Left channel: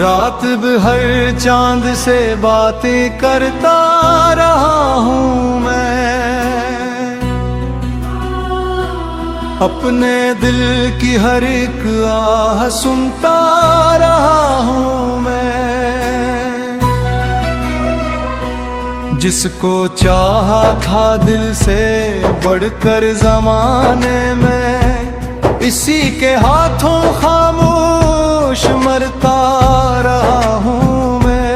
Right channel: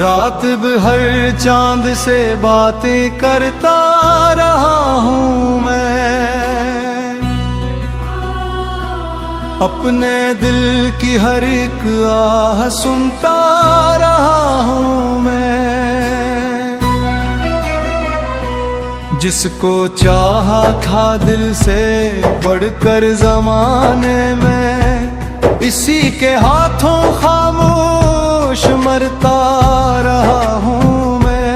रात भर चांद से बातें करता रहा हूँ मैं, अपने दिल की हर एक आह सुनता रहा हूँ मैं। जिसको चाहा था दिल से बढ़कर जमाने में, इसी के हाथों खामोश मरता रहा हूँ मैं।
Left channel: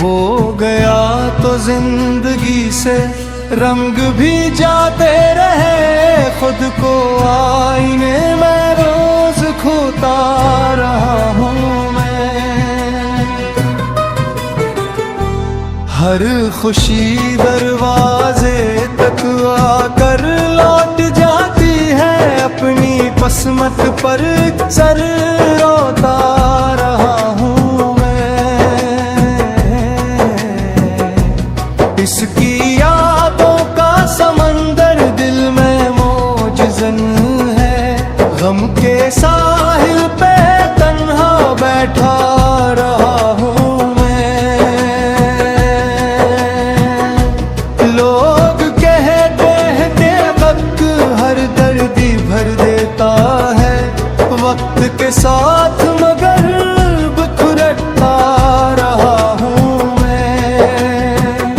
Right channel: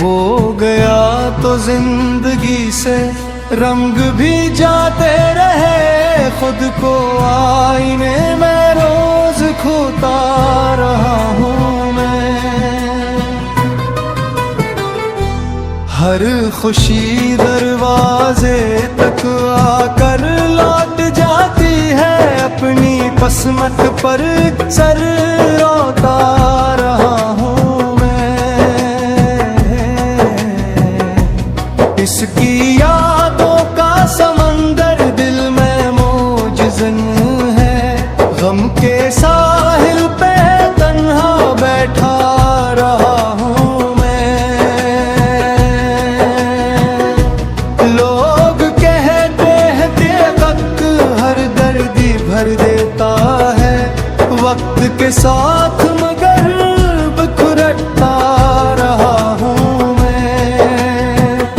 वो गया तो जिंदगी से रंग भी जाते रहे, खुद को आईने में रोज खोता रहा हूँ मैं। हर खुशी दरवाजे तक आकर लौट जाती है, अपनी किस्मत पर सर रोता रहा हूँ मैं। इसकी यादों का समंदर दिल में मौजज़न है, गम के साहिल पे तन्हा बैठा रहा हूँ। भर देता है वक्त के साथ, मगर बिखरता रहा हूँ मैं।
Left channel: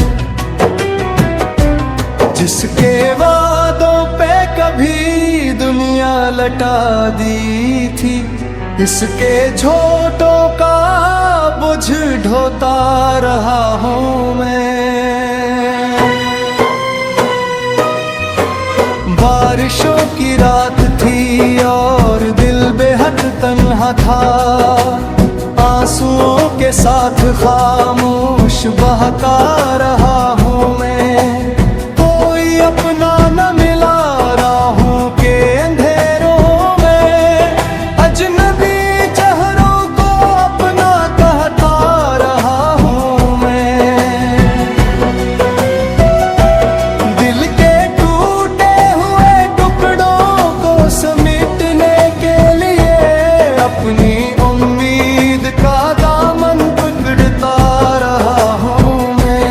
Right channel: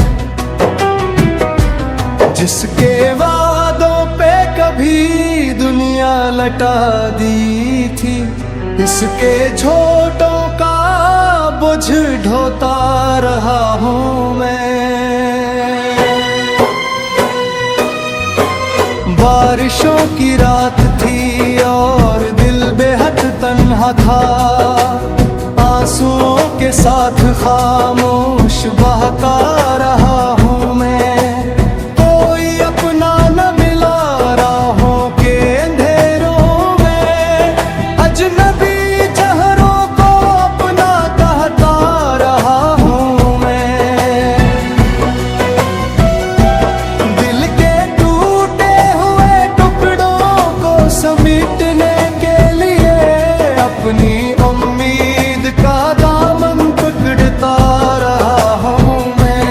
जिसके वादों पे कभी दुनिया लटा दी थी, इसके झोटों का बोझ ढोता रहा हूँ मैं। बारिशों की रात थी और दिल बेहद तन्हा था, आंसुओं के साथ खामोश बहता रहा हूँ मैं। कोई अपना न मिला राहों के अंधेरों में, अजनबी चेहरों को अपना कहता रहा हूँ मैं। दिल के समेटने के लिए अपनी उम्मीद का दामन पकड़ता रहा हूँ मैं।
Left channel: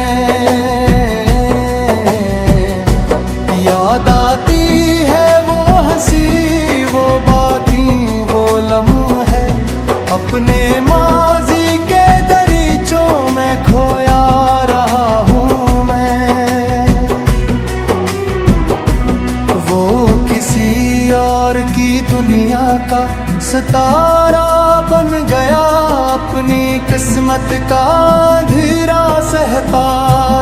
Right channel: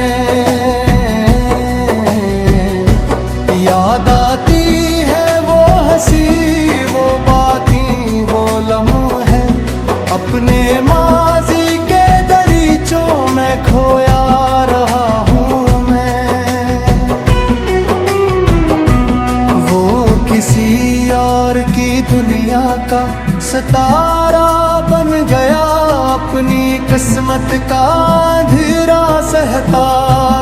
याद आती है वो हंसी, वो बातें, वो लम्हे, अपने माजी के दरीचों में खोया रहा हूँ मैं। वो किसी और की दुनिया का सितारा बन गया, अपनी किस्मत का अंधेरा सहता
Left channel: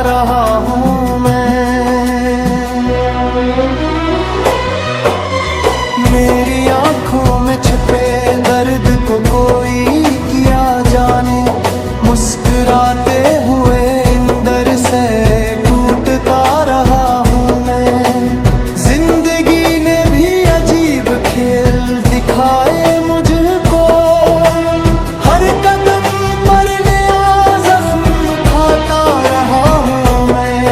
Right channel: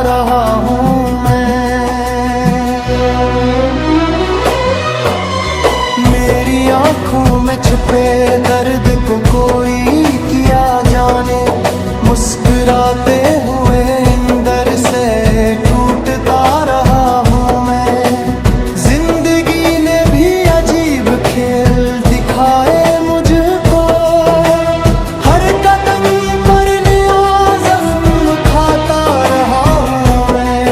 रहा हूँ मैं। मेरी आँखों में छुपे दर्द को कोई किया जाने, मुस्कुराते हुए इंदर से टूटता रहा हूँ मैं। जिंदगी ने भी अजीब खेल दिखाए मुझको, हर कदम पर नया जख्म खाता रहा हूँ मैं।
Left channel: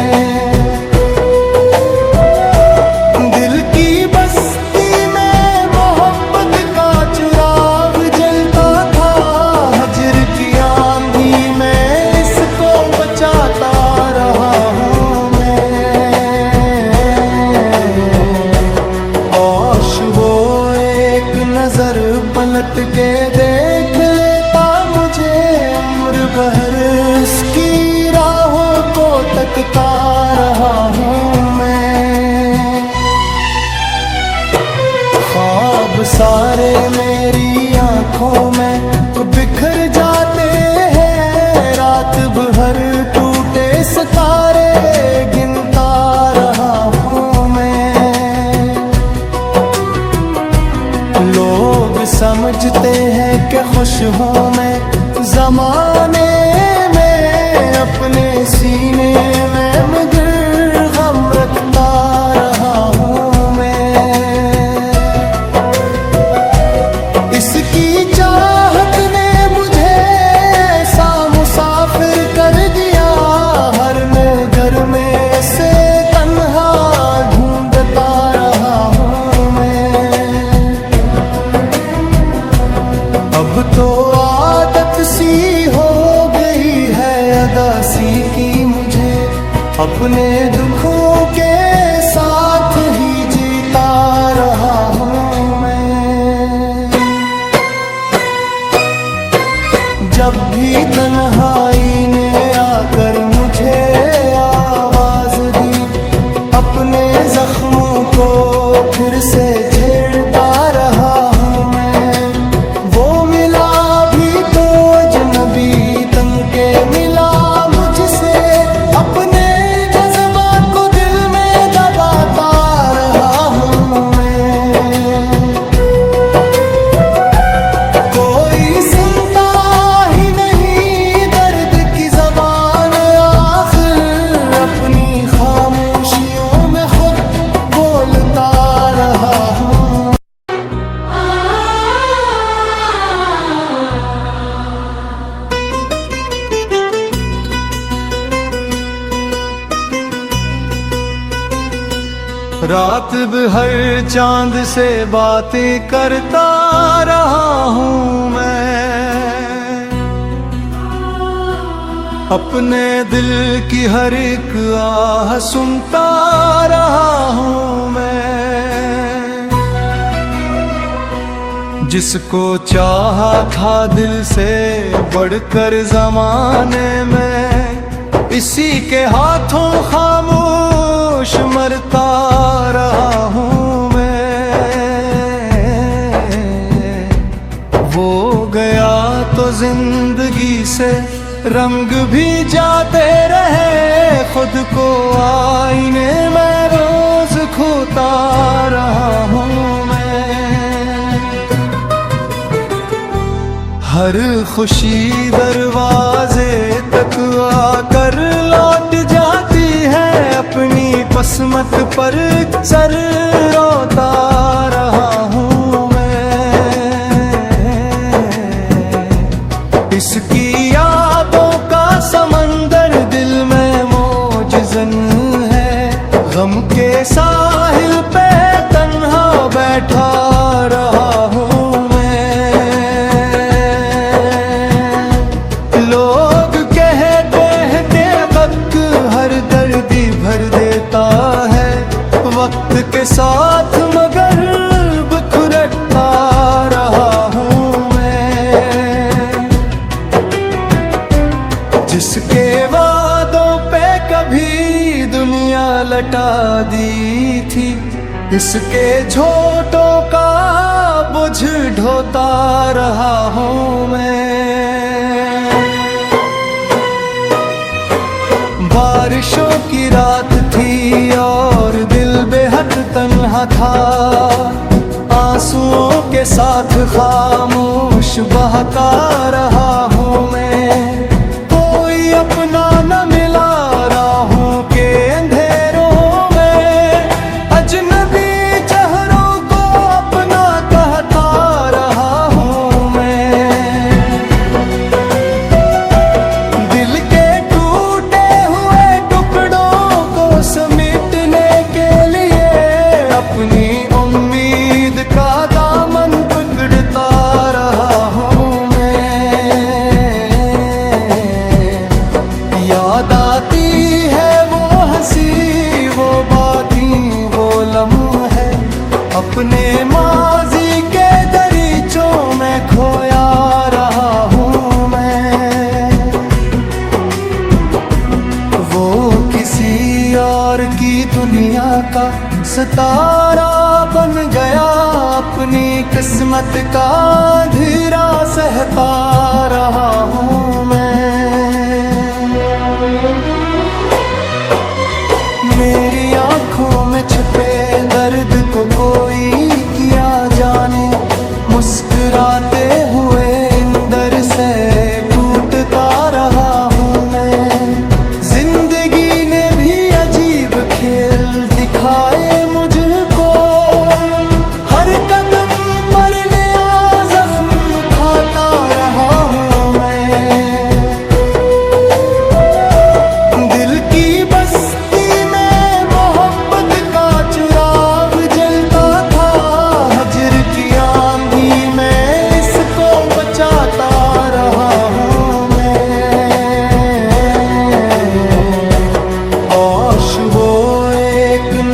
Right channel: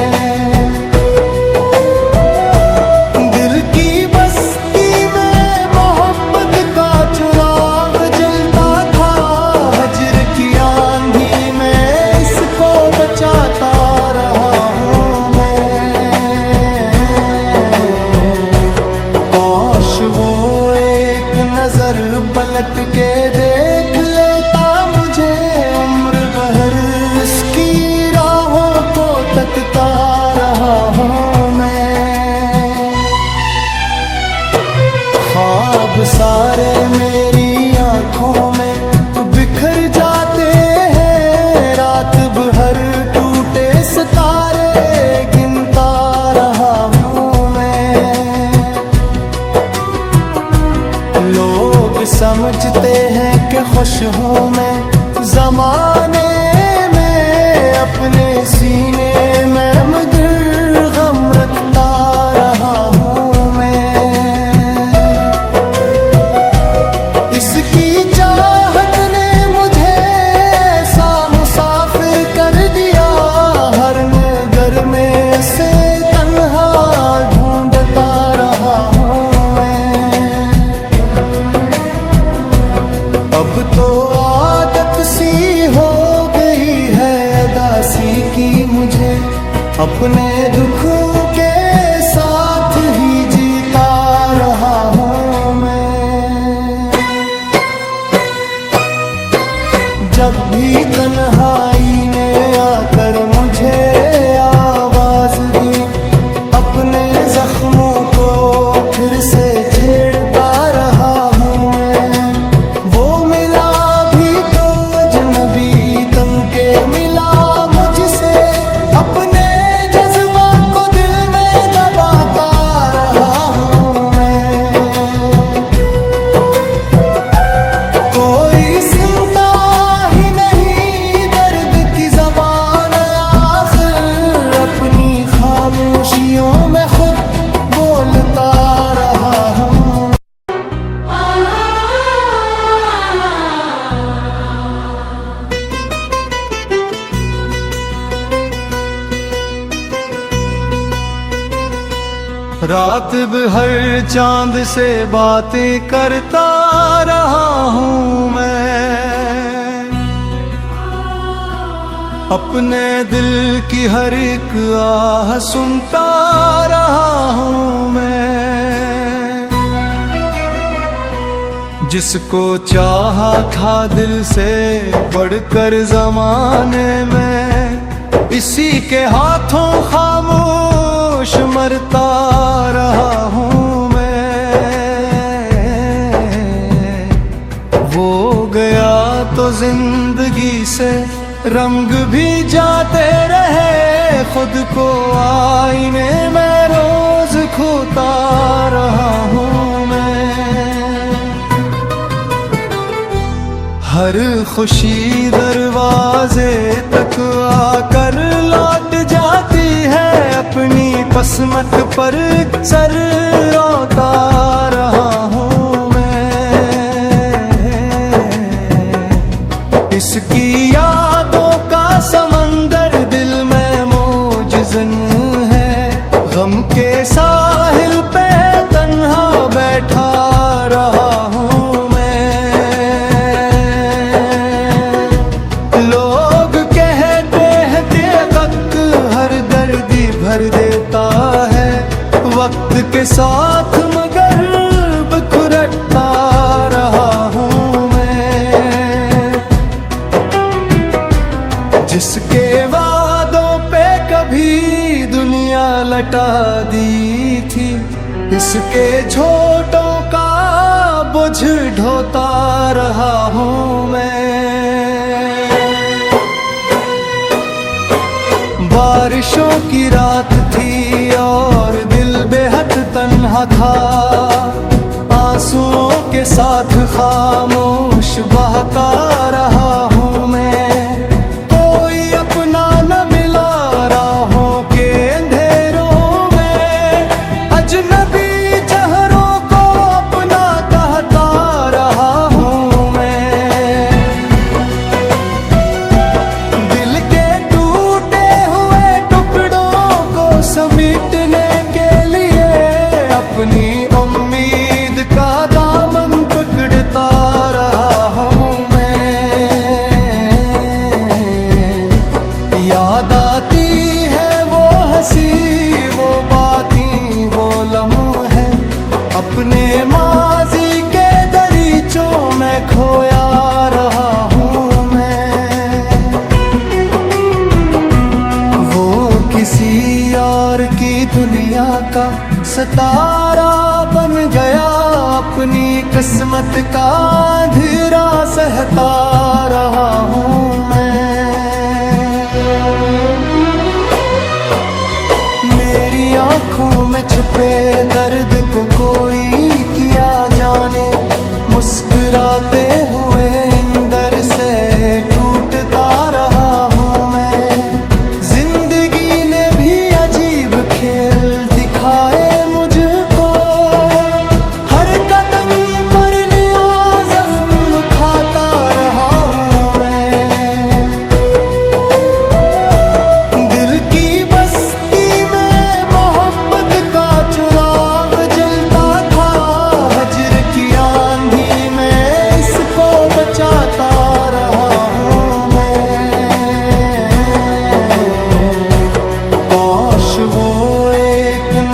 दिल की बस्ती में मोहब्बत का चिराग जलता था, हजर की आंधी में इसको बचाता रहा हूँ मैं। वो एक नजर पलट के देख लेता मुझे, उम्र भर इसकी राहों को तकता रहा हूँ मैं। ख्वाब सारे मेरी आंखों में बिखर जाते हैं, रात भर टूटे सितारे गिनता रहा हूँ मैं। लोग समझते हैं कि खुश हूँ मैं जमाने में, अपने सीने में मगर गम रखता रहा हूँ मैं। इसकी चाहत ने मुझे ऐसा मुसाफिर कर दिया, हर नगर में से तन्हा ढूंढता रहा हूँ मैं। अब तो आदत सी हो गई है अदासी की मुझे, अपने दुखों के साथ ही जीता रहा हूँ मैं। जब भी तन्हाई ने आकर मुझे आवाज दी, अपने जख्मों को फिर से छेड़ता रहा हूँ मैं। वो मिला भी तो अजनबी तन के मिला मुझसे, अपने जज्बात को दिल में दबाता रहा हूँ मैं। कोई सुनता ही नहीं दर्द की ज़बान, आखिर अपनी खामोशियों में खुद बोलता रहा हूँ। रात भर चांद से बातें करता रहा हूँ मैं, अपने दिल की हर एक आह सुनता रहा हूँ मैं। जिसको चाहा था दिल से बढ़कर जमाने में, इसी के हाथों खामोश मरता रहा हूँ मैं। वो गया तो जिंदगी से रंग भी जाते रहे, खुद को आईने में रोज खोता रहा हूँ मैं। हर खुशी दरवाजे तक आकर लौट जाती है, अपनी किस्मत पर सर रोता रहा हूँ मैं। इसकी यादों का समंदर दिल में मौजज़न है, गम के साहिल पे तन्हा बैठा रहा हूँ। भर देता है वक्त के साथ, मगर बिखरता रहा हूँ मैं। जिसके वादों पे कभी दुनिया लटा दी थी, इसके झोटों का बोझ ढोता रहा हूँ मैं। बारिशों की रात थी और दिल बेहद तन्हा था, आंसुओं के साथ खामोश बहता रहा हूँ मैं। कोई अपना न मिला राहों के अंधेरों में, अजनबी चेहरों को अपना कहता रहा हूँ मैं। दिल के समेटने के लिए अपनी उम्मीद का दामन पकड़ता रहा हूँ मैं। याद आती है वो हंसी, वो बातें, वो लम्हे, अपने माजी के दरीचों में खोया रहा हूँ मैं। वो किसी और की दुनिया का सितारा बन गया, अपनी किस्मत का अंधेरा सहता रहा हूँ मैं। मेरी आँखों में छुपे दर्द को कोई किया जाने, मुस्कुराते हुए इंदर से टूटता रहा हूँ मैं। जिंदगी ने भी अजीब खेल दिखाए मुझको, हर कदम पर नया जख्म खाता रहा हूँ मैं। दिल की बस्ती में मोहब्बत का चिराग जलता था, हजर की आंधी में इसको बचा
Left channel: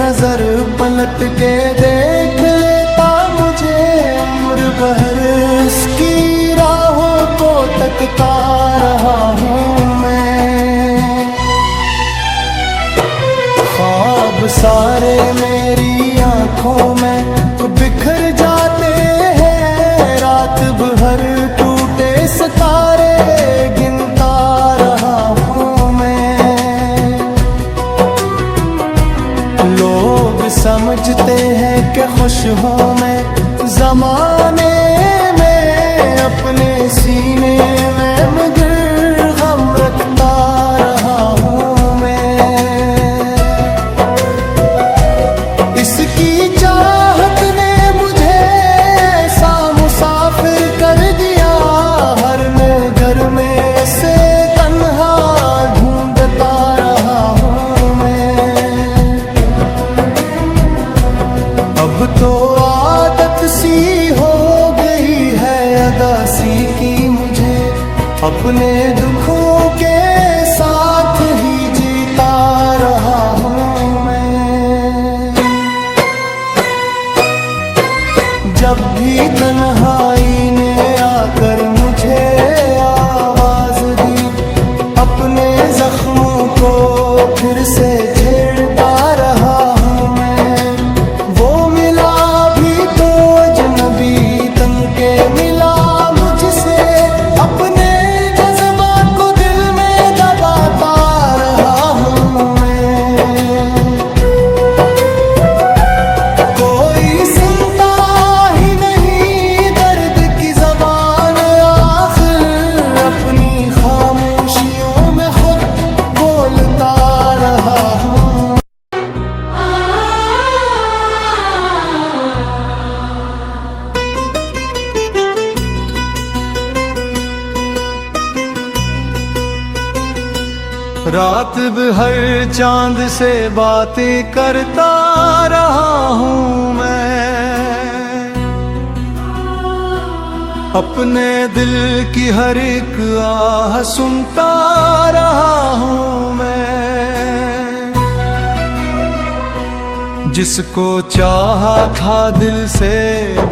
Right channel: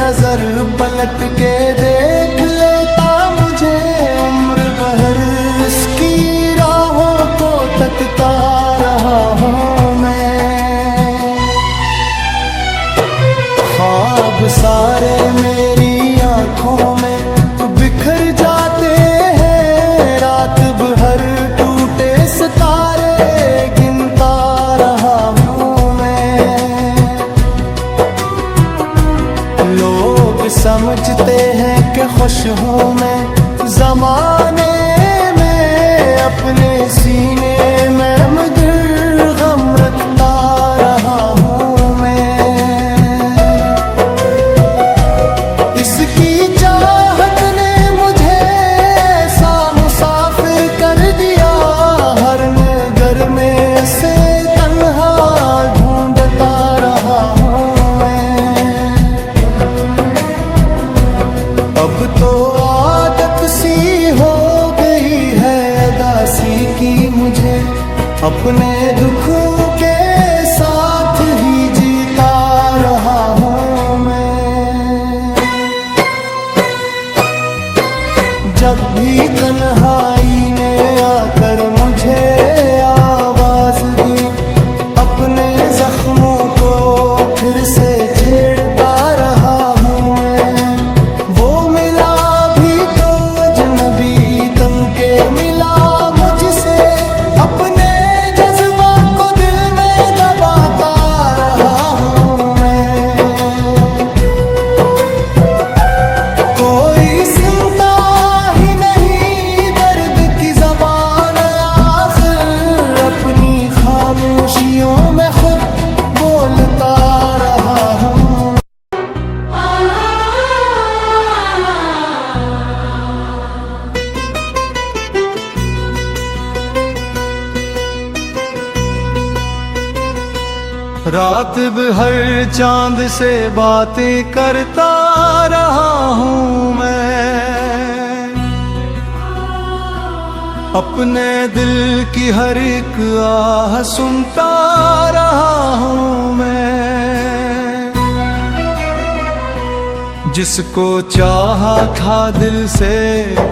नजर पलट के देख लेता मुझे उम्र भर इसकी राहों को तकता रहा हूँ मैं। ख्वाब सारे मेरी आंखों में बिखर जाते हैं, रात भर टूटे सितारे गिनता रहा हूँ मैं। लोग समझते हैं कि खुश हूँ मैं ज़माने में, अपने सीने में मगर गम रखता रहा हूँ मैं। इसकी चाहत ने मुझे ऐसा मुसाफिर कर दिया, हर नगर में से तन्हा ढूंढता रहा हूँ मैं। अब तो आदत सी हो गई है अदासी की मुझे, अपने दुखों के साथ ही जीता रहा हूँ मैं। जब भी तन्हाई ने आकर मुझे आवाज दी, अपने जख्मों को फिर से छेड़ता रहा हूँ मैं। वो मिला भी तो अजनबी तन के मिला मुझसे, अपने जज्बा को दिल में दबाता रहा हूँ मैं। कोई सुनता ही नहीं दर्द की ज़बान, आखिर अपनी खामोशियों में खुद बोलता रहा हूँ। रात भर चांद से बातें करता रहा हूँ मैं, अपने दिल की हर एक आह सुनता रहा हूँ मैं। जिसको चाहा था दिल से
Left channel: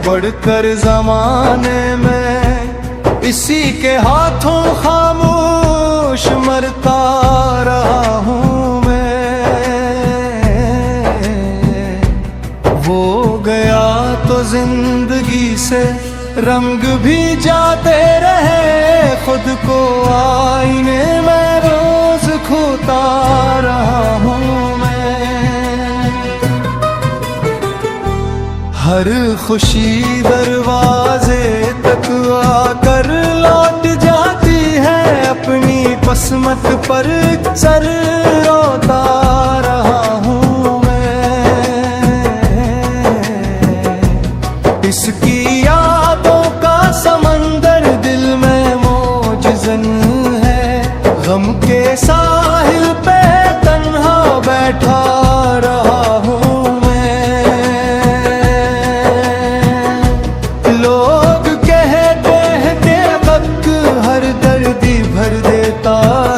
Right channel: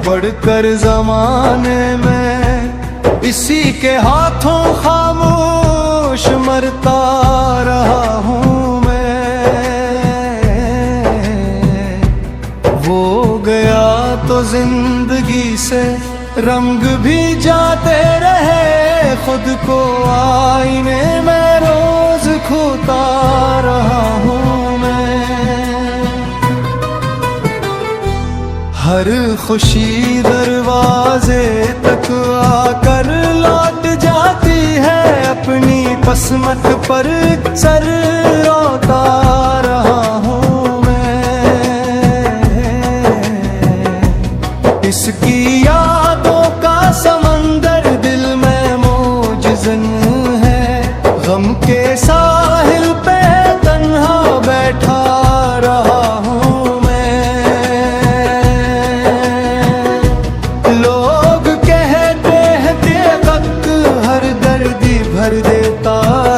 बढ़कर ज़माने में, इसी के हाथों खामोश मरता रहा हूँ मैं। वो गया तो जिंदगी से रंग भी जाते रहे, खुद को आईने में रोज खोता रहा हूँ मैं। हर खुशी दरवाजे तक आकर लौट जाती है, अपनी पसमत पर सर रोता रहा हूँ मैं। इसकी यादों का समंदर दिल में मौजज़न है, गम के साहिल पे तन्हा बैठा रहा हूँ। भर देता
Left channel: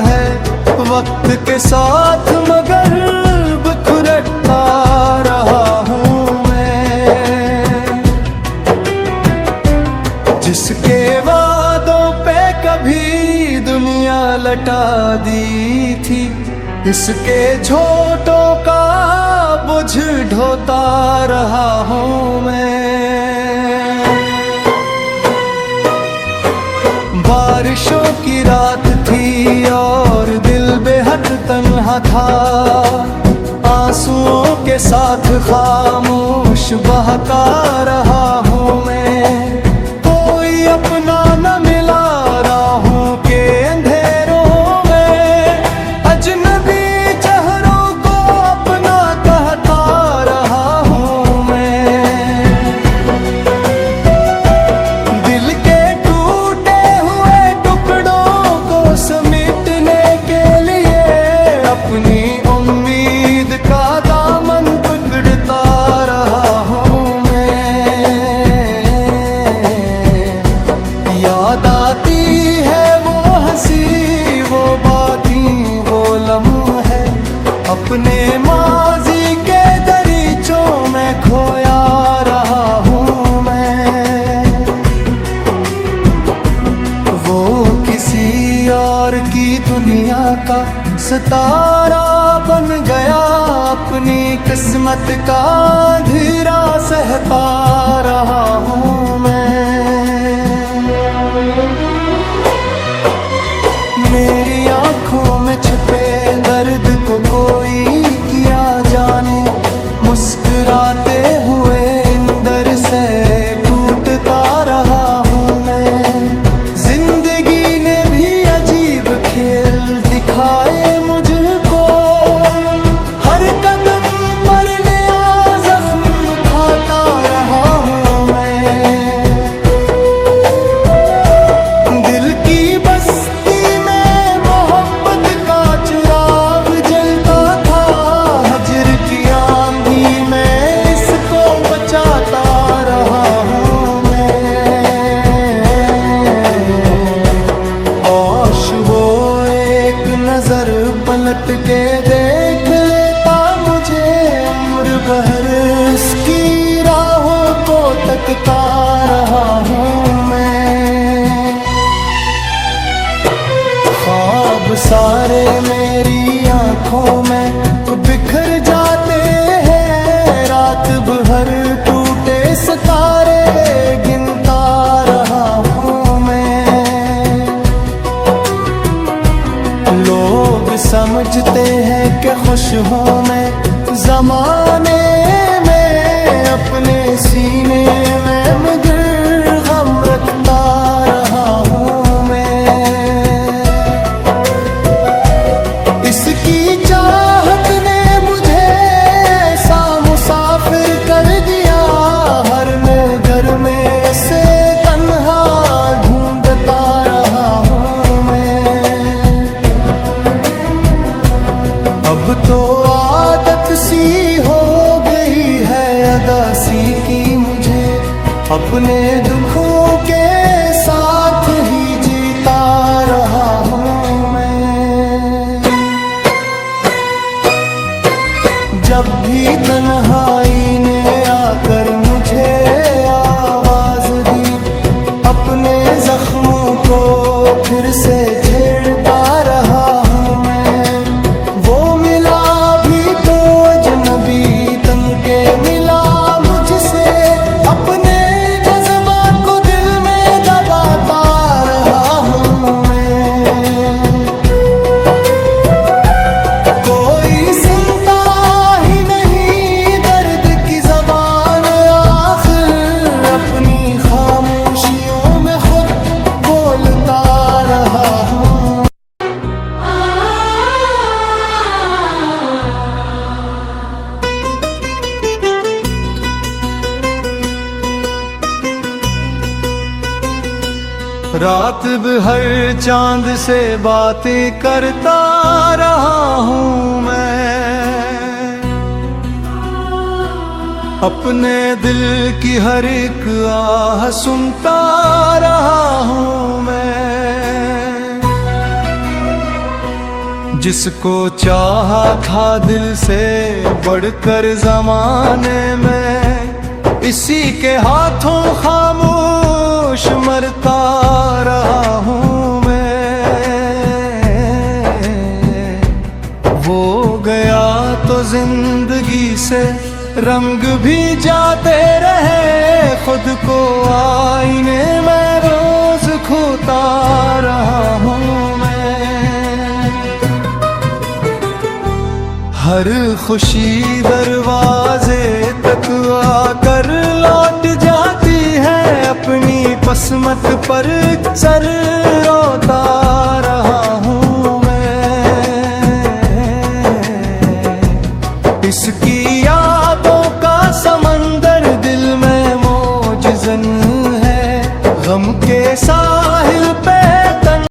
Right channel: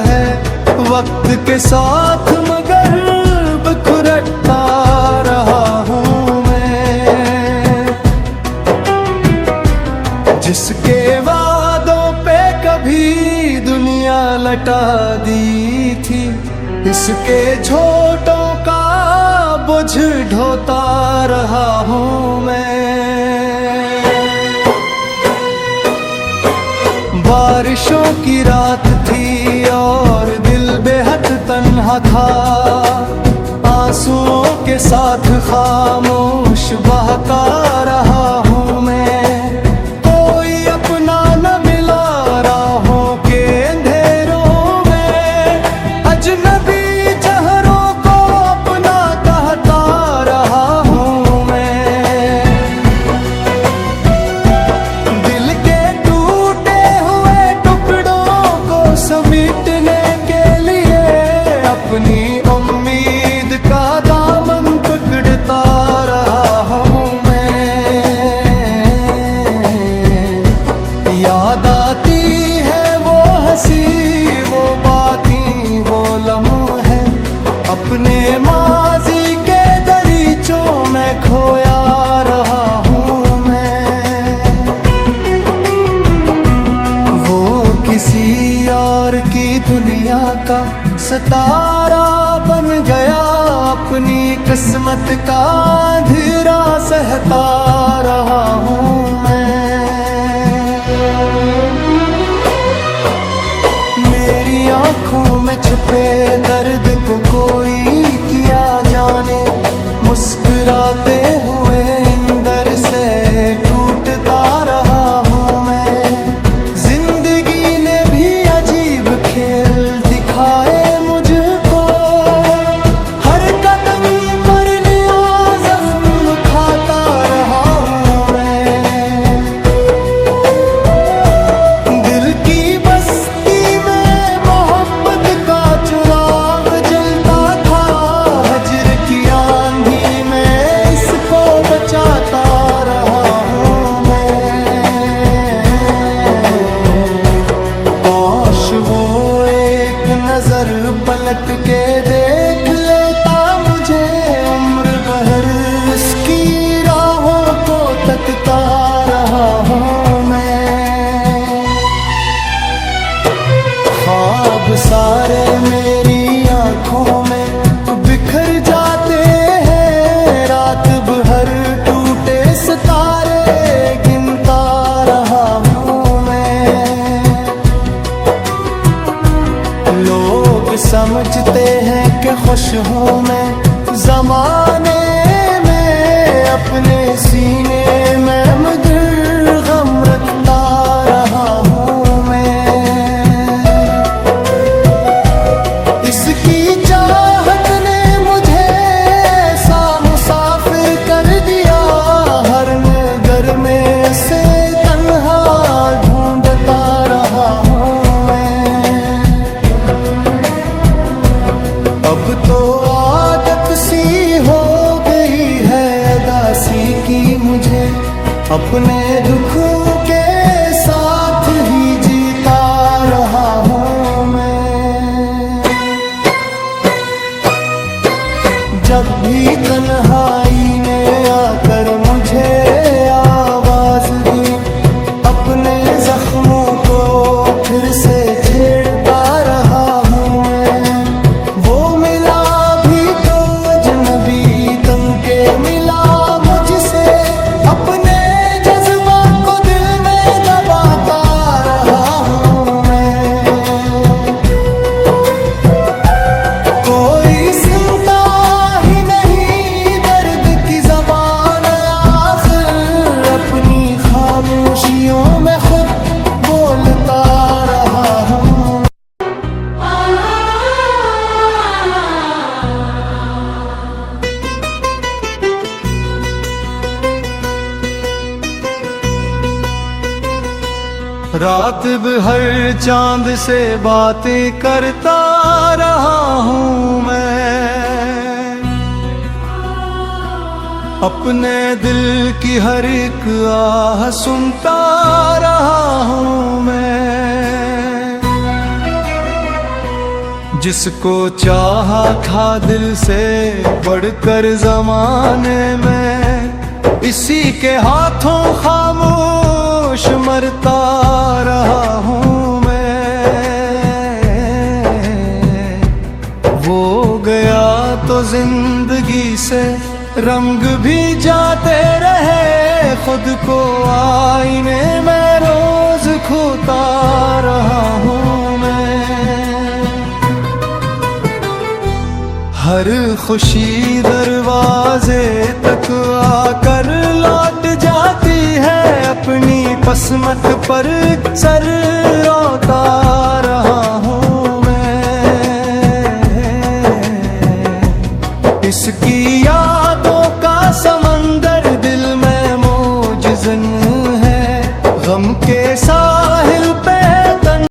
है वक्त के साथ, मगर बिखरता रहा हूँ मैं। जिसके वादों पे कभी दुनिया लटा दी थी, इसके झोटों का बोझ ढोता रहा हूँ मैं। बारिशों की रात थी और दिल बेहद तन्हा था, आंसुओं के साथ खामोश बहता रहा हूँ मैं। कोई अपना न मिला राहों के अंधेरों में, अजनबी चेहरों को अपना कहता रहा हूँ मैं। दिल के समेटने के लिए अपनी उम्मीद का दामन पकड़ता रहा हूँ मैं। याद आती है वो हंसी, वो बातें, वो लम्हे, अपने माजी के दरिया सोचों में खोया रहा हूँ मैं। वो किसी और की दुनिया का सितारा बन गया, अपनी किस्मत का अंधेरा सहता रहा हूँ मैं। मेरी आँखों में छुपे दर्द को कोई किया जाने, मुस्कुराते हुए इंदर से टूटता रहा हूँ मैं। जिंदगी ने भी अजीब खेल दिखाए मुझको, हर कदम पर नया जख्म खाता रहा हूँ मैं। दिल की बस्ती में मोहब्बत का चिराग जलता था, हजर की आंधी में इसको बचाता रहा हूँ मैं। काश वो एक नजर पलट के देख लेता मुझे, उम्र भर इसकी राहों को तकता रहा हूँ मैं। ख्वाब सारे मेरी आंखों में बिखर जाते हैं, रात भर टूटे सितारे गिनता रहा हूँ मैं। लोग समझते हैं कि खुश हूँ मैं जमाने में, अपने सीने में मगर गम रखता रहा हूँ मैं। इसकी चाहत ने मुझे ऐसा मुसाफिर कर दिया, हर नगर में से तन्हा ढूंढता रहा हूँ मैं। अब तो आदत सी हो गई है अदासी की मुझे, अपने दुखों के साथ ही जीता रहा हूँ मैं। जब भी तन्हाई ने आकर मुझे आवाज दी, अपने जख्मों को फिर से छेड़ता रहा हूँ मैं। वो मिला भी तो अजनबी तन के मिला मुझसे, अपने जज्बा को दिल में दबाता रहा हूँ मैं। कोई सुनता ही नहीं दर्द की ज़बान, आखिर अपनी खामोशियों में खुद बोलता रहा हूँ। रात भर चांद से बातें करता रहा हूँ मैं, अपने दिल की हर एक आह सुनता रहा हूँ मैं। जिसको चाहा था दिल से बढ़कर जमाने में, इसी के हाथों खामोश मरता रहा हूँ मैं। वो गया तो जिंदगी से रंग भी जाते रहे, खुद को आईने में रोज खोता रहा हूँ मैं। हर खुशी दरवाजे तक आकर लौट जाती है, अपनी किस्मत पर सर रोता